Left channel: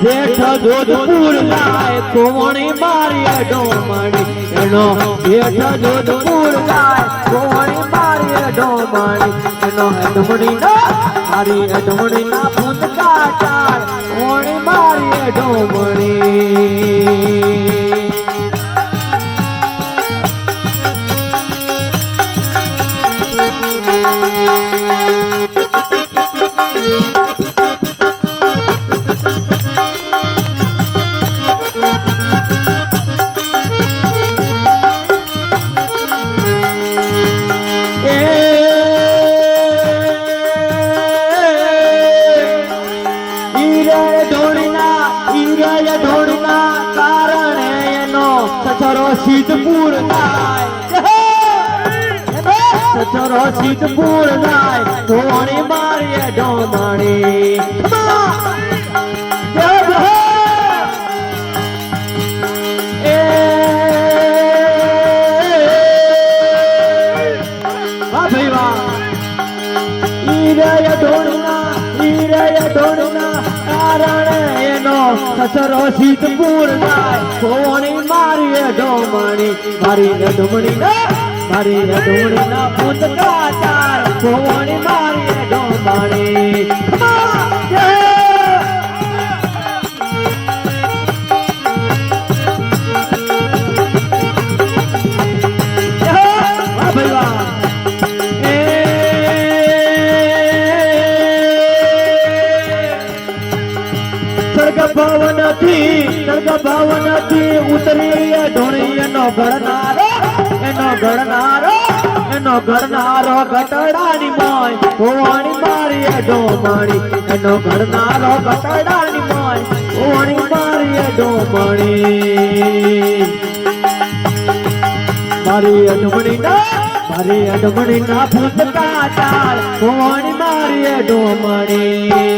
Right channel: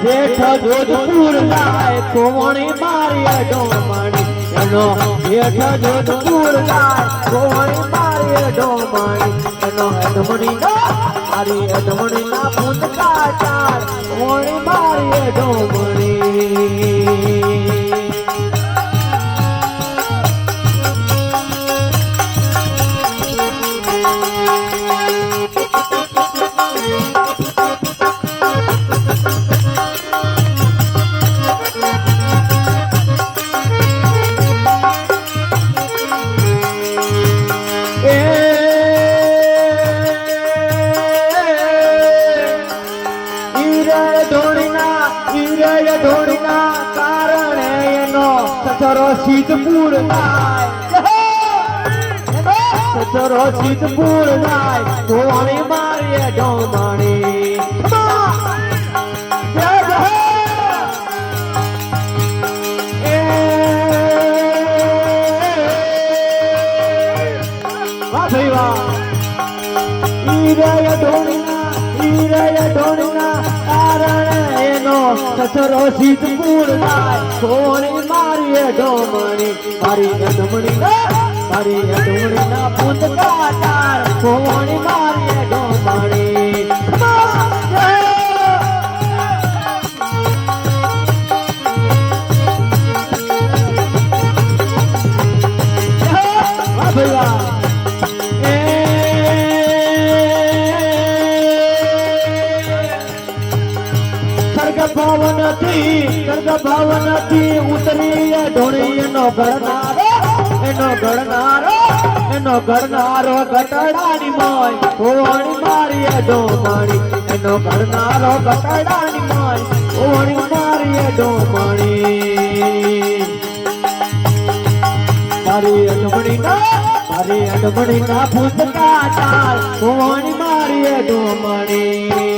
જેઠ જોધપુર જાય કોવણી મારી ડોમણી એનો જેઠ જોધપુર જાય કોવણી મારી ડોમણી એનો ડમણી મારી ડમણી ના ભૂતકા ચાર કોવણી મારી ડોમણી સિદ્ધપુર સચરો સિદ્ધપુર જાય ધોણી મારીએ ડોમણી સચરો સિદ્ધપુર જાય ધોણી મારીએ ડોમણી મારી ડમણી મારી ડમણી ના ભૂતકા ચાર ધોણી મારીએ ડોમણી ભવન થી ઉતરી ઢોળી એનો ઘરનારો ગટડાની માય કોણી મારી ડોમણી એનો ઘરનારો ગટડાની માય કોણી મારી ડોમણી મારી અડમણી ના ભૂતકા ચાર કોણી મારી ડોમણી